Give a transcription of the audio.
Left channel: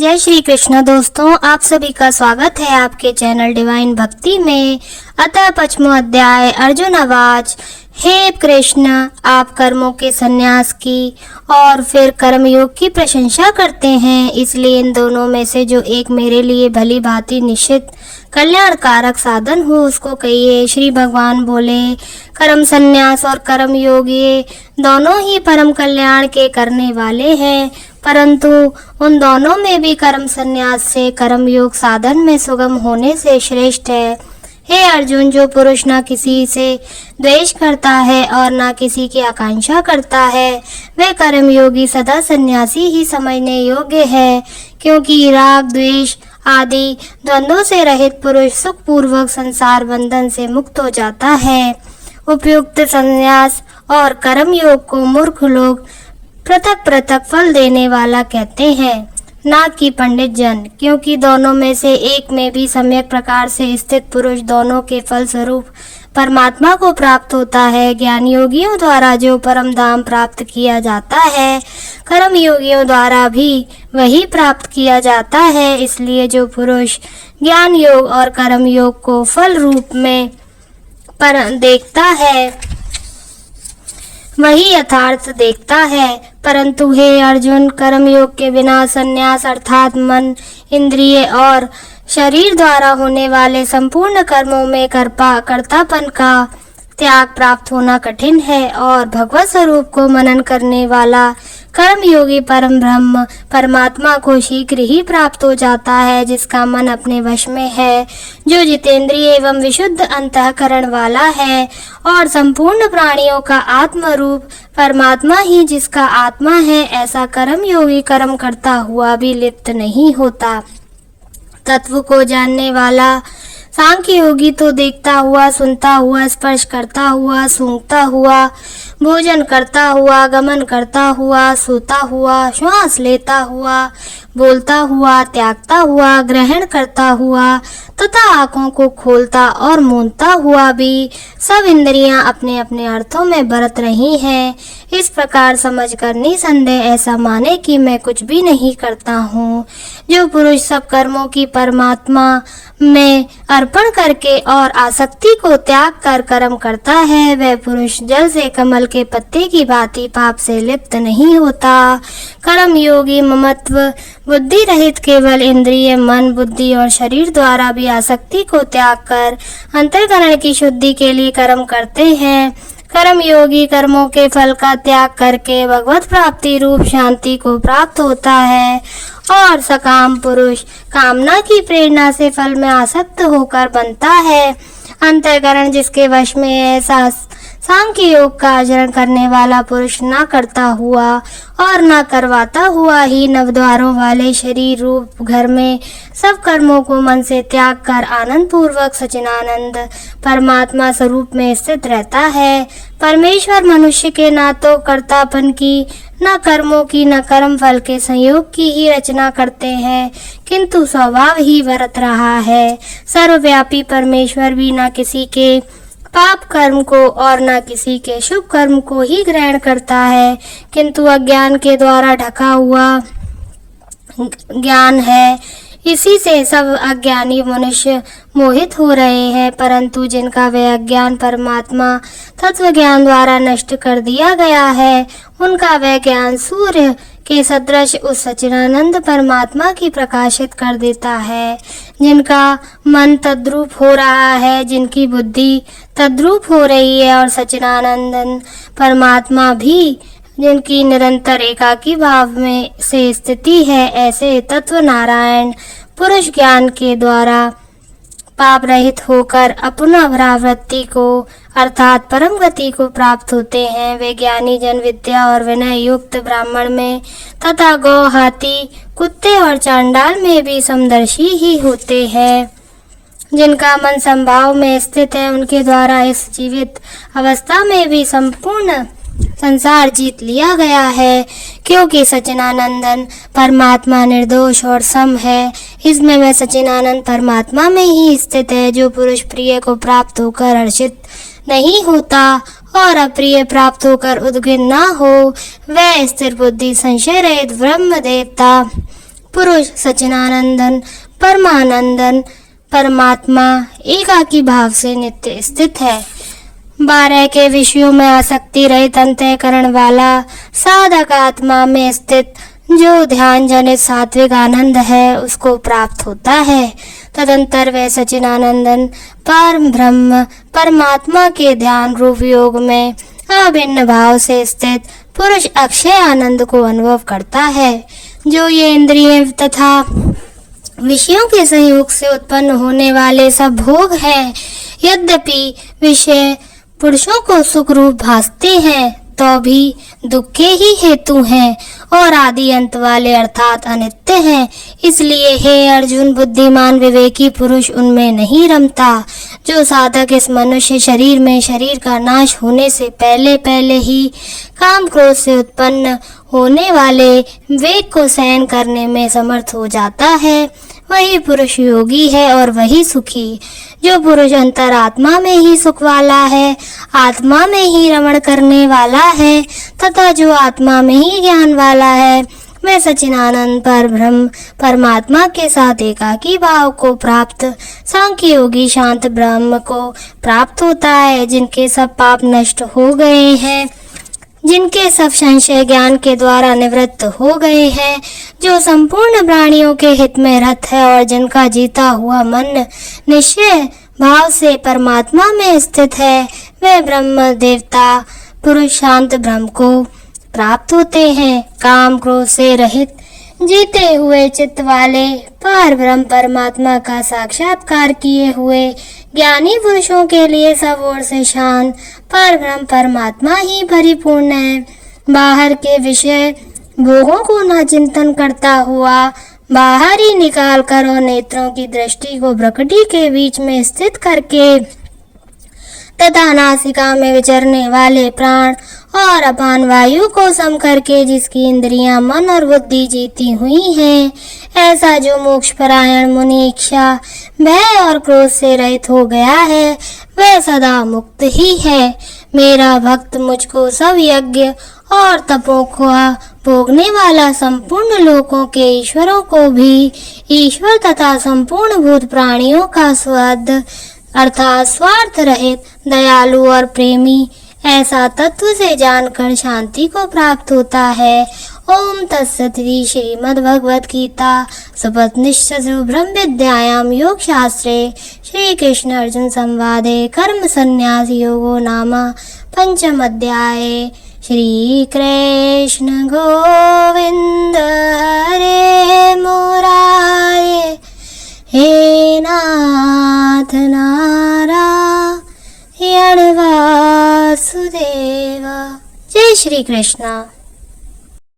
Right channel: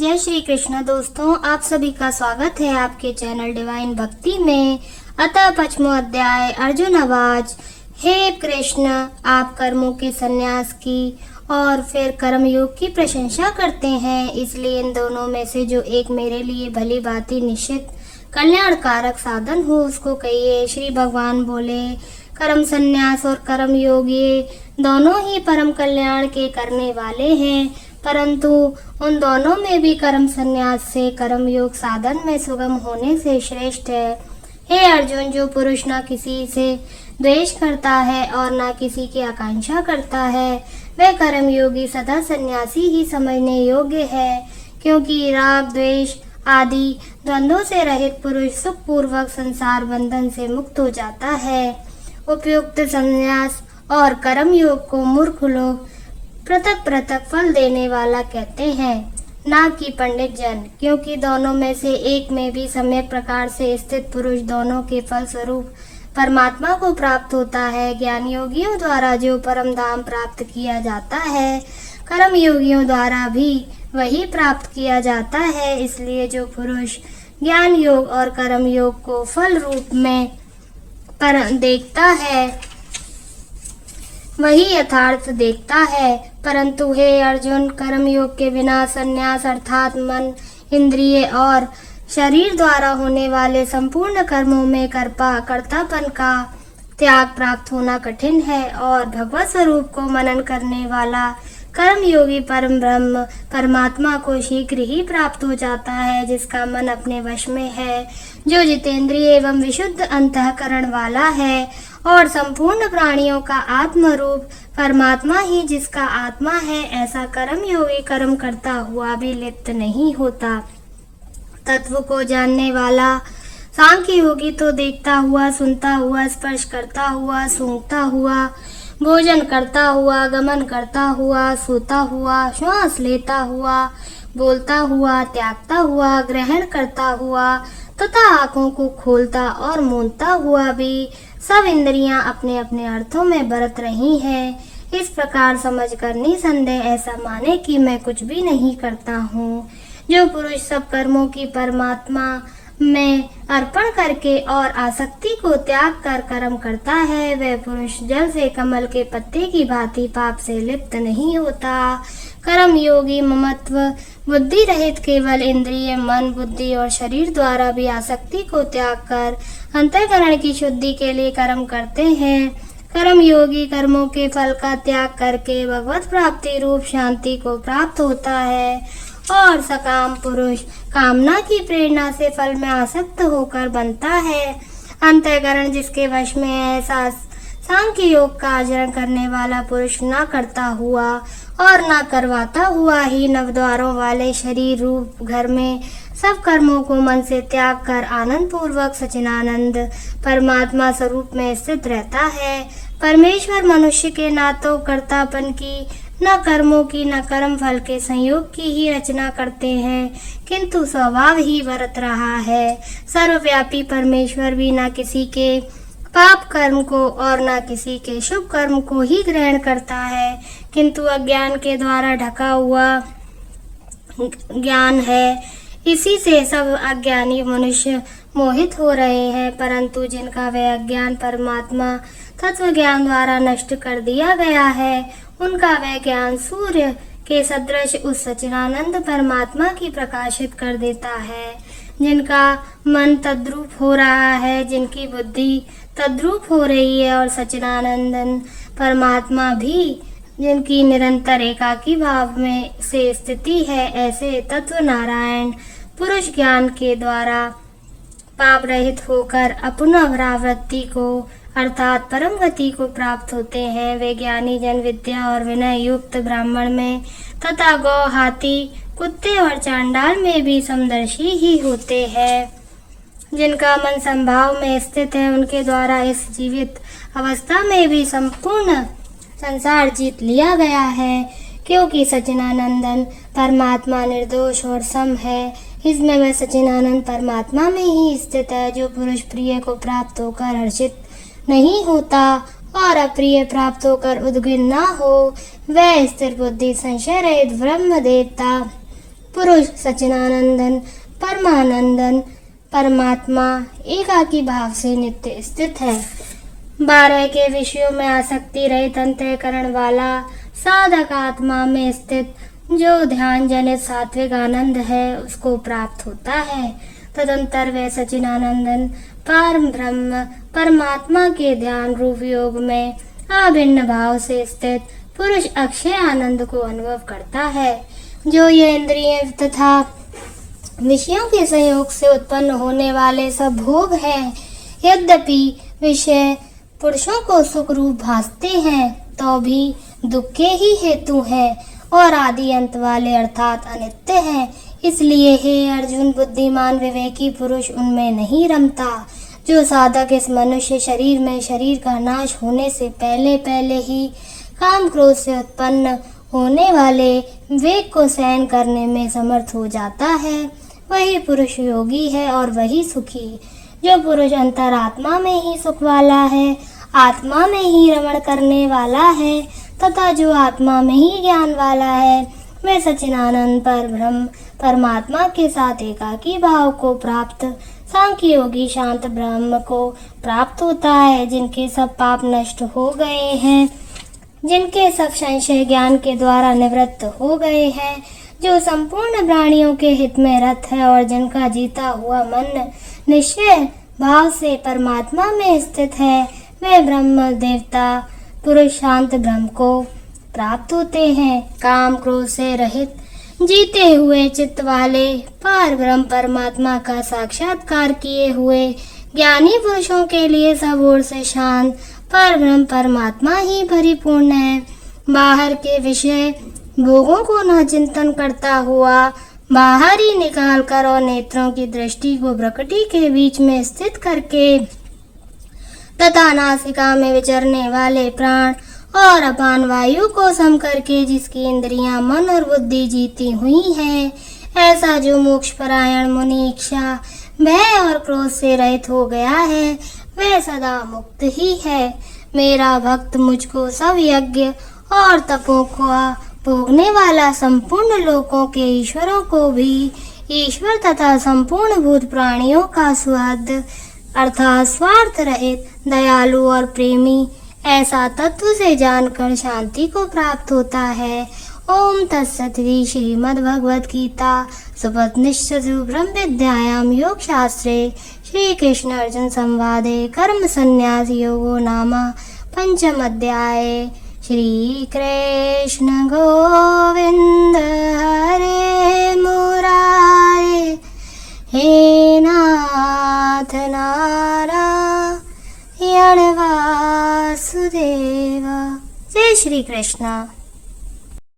जय श्री कृष्ण दोस्तों, आप सभी का स्वागत है आपके चैनल डिवाइन भक्ति में। अतः 5वां अध्याय अर्जुन आवाज। हे कृष्ण, आप कर्मों के संन्यास की और फिर कर्मयोग की प्रशंसा करते हैं, इसलिए इन दोनों में से जो एक मेरे लिए भली भांति निश्चित कल्याणकारक साधन हो उसको कहिए। श्री भगवान बोले, कर्म संन्यास और कर्म योग ये दोनों ही परम कल्याण के करने वाले हैं, परंतु उन दोनों में भी कर्म संन्यास से कर्म योग साधन में सुगम होने से श्रेष्ठ है। हे अर्जुन, जो पुरुष न किसी से द्वेष करता है और न किसी की आकांक्षा करता है, वह कर्म योगी सदा सन्यासी ही समझने योग्य है, क्योंकि राग द्वेष आदि द्वंद्वों से रहित पुरुष सुख पूर्वक संसार बंधन से मुक्त हो जाता है। उपयुक्त संन्यास और कर्म योग को मूर्ख लोग पृथक पृथक फल देने वाला कहते हैं, ना कि पंडित जन, क्योंकि दोनों में से एक में भी सम्यक प्रकार से स्थित पुरुष दोनों के फल स्वरूप परमात्मा को प्राप्त होता है। ज्ञान योगियों द्वारा जो परम धाम प्राप्त किया जाता है, कर्म योगियों द्वारा भी वही प्राप्त किया जाता है। इसलिए जो पुरुष ज्ञान योग और कर्म योग को फल रूप में पर देखता है वही यथार्थ देखता है। परंतु हे अर्जुन, कर्म योग के बिना संन्यास अर्थात मन, इंद्रिय और शरीर द्वारा होने वाले संपूर्ण कर्मों में कर्तापन का त्याग प्राप्त होना कठिन है, और भगवत स्वरूप को मनन करने वाला कर्म योगी परम ब्रह्म परमात्मा को शीघ्र ही प्राप्त हो जाता है, जिसका मन अपने वश में है, जो जितेंद्रिय एवं विशुद्ध अंतःकरण वाला है, और संपूर्ण प्राणियों का आत्म रूप परमात्मा ही जिसका आत्मा है। ऐसा कर्म योगी कर्म करता हुआ भी लिप्त नहीं होता। तत्व को जानने वाला सांख्य योगी तो देखता हुआ, सुनता हुआ, स्पर्श करता हुआ, सूंघता हुआ, भोजन करता हुआ, गमन करता हुआ, सोता हुआ, श्वास लेता हुआ, बोलता हुआ, त्यागता हुआ, ग्रहण करता हुआ तथा आँखों को खोलता और मूंदता हुआ भी सब इंद्रियां अपने अपने अर्थों में बरत रही हैं। इस प्रकार समझकर निसंदेह ऐसा माने कि मैं कुछ भी नहीं करता हूँ। जो पुरुष सब कर्मों की परमात्मा में अर्पण करके और आसक्ति को त्याग कर कर्म करता है, वह पुरुष जल से कमल के पत्ते की भांति पाप से लिप्त नहीं होता। कर्म योगी ममत्व बुद्धि रहित केवल इंद्रिय, मन, बुद्धि और शरीर द्वारा भी आसक्ति को त्याग कर अंतःकरण की शुद्धि के लिए कर्म करते हैं। कर्म योगी कर्मों के फल का त्याग करके भगवत प्राप्ति रूप शांति को प्राप्त होता है, और सकाम पुरुष कामना की प्रेरणा से फल में आसक्त होकर बनता है। अंतःकरण जिसके वश में है, सांख्य योग का आचरण करने वाला पुरुष न करता हुआ और न करवाता हुआ ही नवद्वारों वाले शरीर रूप घर में सब कर्मों को मन से त्याग कर आनंद पूर्वक सच्चिदानंद परमात्मा स्वरूप में स्थित रहता है। परमेश्वर मनुष्य के न तो कर्तापन की, न कर्मों की, न कर्म फल के संयोग की ही रचना करते हैं, किंतु स्वभाव ही बरत रहा है। सर्वव्यापी परमेश्वर भी न किसी के पाप कर्म को और न किसी के शुभ कर्म को ही ग्रहण करता है, किंतु अज्ञान के द्वारा ढका हुआ ज्ञान है, इसी से सब अज्ञानी मनुष्य मोहित हो रहे हैं। परंतु जिनका वह अज्ञान परमात्मा तत्व ज्ञान द्वारा नष्ट कर दिया गया है, उनका वह ज्ञान सूर्य के सदृश उस सच्चिदानंद परमात्मा की प्रकाशित कर देता है। जिनका मन तद्रूप हो रहा है, जिनकी बुद्धि तद्रूप हो रही है, और सच्चिदानंद परमात्मा भी जिनकी निरंतर एकाकी भाव में से स्थिति है, ऐसे तत्व नारायण पुरुष ज्ञान के द्वारा पाप रहित होकर अपना परावृत्ति को अर्थात परम गति को प्राप्त होते हैं। वे ज्ञानी जन विद्या और विनय युक्त ब्राह्मण में तथा गौ, हाथी, कुत्ते और चांडाल में भी समदर्शी ही होते हैं। जिनका मन संभाव में स्थित है, उनके द्वारा इस जीवित अवस्था में भी संपूर्ण संसार जीत लिया गया है, क्योंकि सच्चिदानंदन परमात्मा निर्दोष और सम है। इसमें वह सच्चिदानंद परमात्मा में ही स्थित है। जो पुरुष प्रिय को प्राप्त होकर हर्षित नहीं होता और अप्रिय प्राप्त होकर उद्विग्न न हो, वह स्थिर बुद्धि संशय रहित ब्रह्म देवता पुरुष सच्चिदानंदन परमानंदन परमात्मा एकाकी भाव से नित्य स्थित है। 12 के विषयों में आसक्ति रहित अंतःकरण वाला साधक आत्मा में स्थित जो ध्यान जनित सात्विक आनंद है उसको प्राप्त होता है। तदंतर वह सच्चिदानंदन परम ब्रह्म परमात्मा के ध्यान रूप योग में अभिन्न भाव से स्थित पुरुष अक्षय आनंद को अनुभव करता है। जो ये इंद्रिय तथा विषयों के संयोग से उत्पन्न होने वाले सब भोग हैं, यद्यपि विषय पुरुषों को सुख रूप भासते हैं तो भी दुख के ही हेतु हैं और आदि अंत वाले अर्थात अनित्य हैं। इसलिए हे अर्जुन, बुद्धिमान विवेकी पुरुष उनमें नहीं रमता। जो साधक इस मनुष्य शरीर में शरीर का नाश होने से पहले पहले ही काम क्रोध से उत्पन्न होने वाले वेग को सहन करने में समर्थ हो जाता है, वही पुरुष योगी है और वही सुखी। जो पुरुष अंतरात्मा में ही सुख वाला है, आत्मा में ही रमण करने वाला है तथा जो आत्मा में ही ज्ञान वाला है, वह सच्चिदानंद पर ब्रह्म परमात्मा के साथ एकाकी भाव को प्राप्त सांख्य योगी शांत ब्रह्म को प्राप्त होता है। जिनके सब पाप नष्ट हो गए हैं, जिनके सब संशय ज्ञान के द्वारा निवृत्त हो गए हैं, जो संपूर्ण प्राणियों के हित में रत है और जिनका जीता हुआ मन निश्चय भाव से परमात्मा में स्थित है, वे ब्रह्म देवता पुरुष शांत ब्रह्म को प्राप्त होते हैं। काम क्रोध से रहित जीते हुए चित्त वाले पार ब्रह्म परमात्मा का साक्षात्कार किए हुए ज्ञानी पुरुषों के लिए सब ओर से शांत पर ब्रह्म परमात्मा ही परिपूर्ण है। बाहर के विषय भोगों को न चिंतन करता हुआ बाहर ही निकाल कर और नेत्रों की दृष्टि को प्रकृति के बीच में स्थित करके तथा नासिका में विचरने वाले प्राण और अपान वायु को सम करके जिसकी इंद्रियां मन और बुद्धि जीती हुई हैं, ऐसा जो मोक्ष परायण मुनि इच्छा भय और क्रोध से रहित हो गया है, वह सदा मुक्त ही है। मेरा भक्त मुझको सब यज्ञ और तपों को भोगने वाला संपूर्ण लोकों के ईश्वरों को भी ईश्वर तथा संपूर्ण भूत प्राणियों का स्वाद अर्थात स्वार्थ रहित दयालु और प्रेमी ऐसा तत्व से जानकर शांति को प्राप्त होता है। ओम तत्सत् श्रीमद् भगवद गीता सुपनिषत्सु ब्रह्म विद्यायां योग शास्त्रे श्री कृष्ण अर्जुन संवादे कर्म संन्यास योगो नाम पंचम अध्याय। श्री कृष्ण गोविंद हरे मुरारे हे नाथ नारायण वासुदेवा। जय श्री कृष्ण।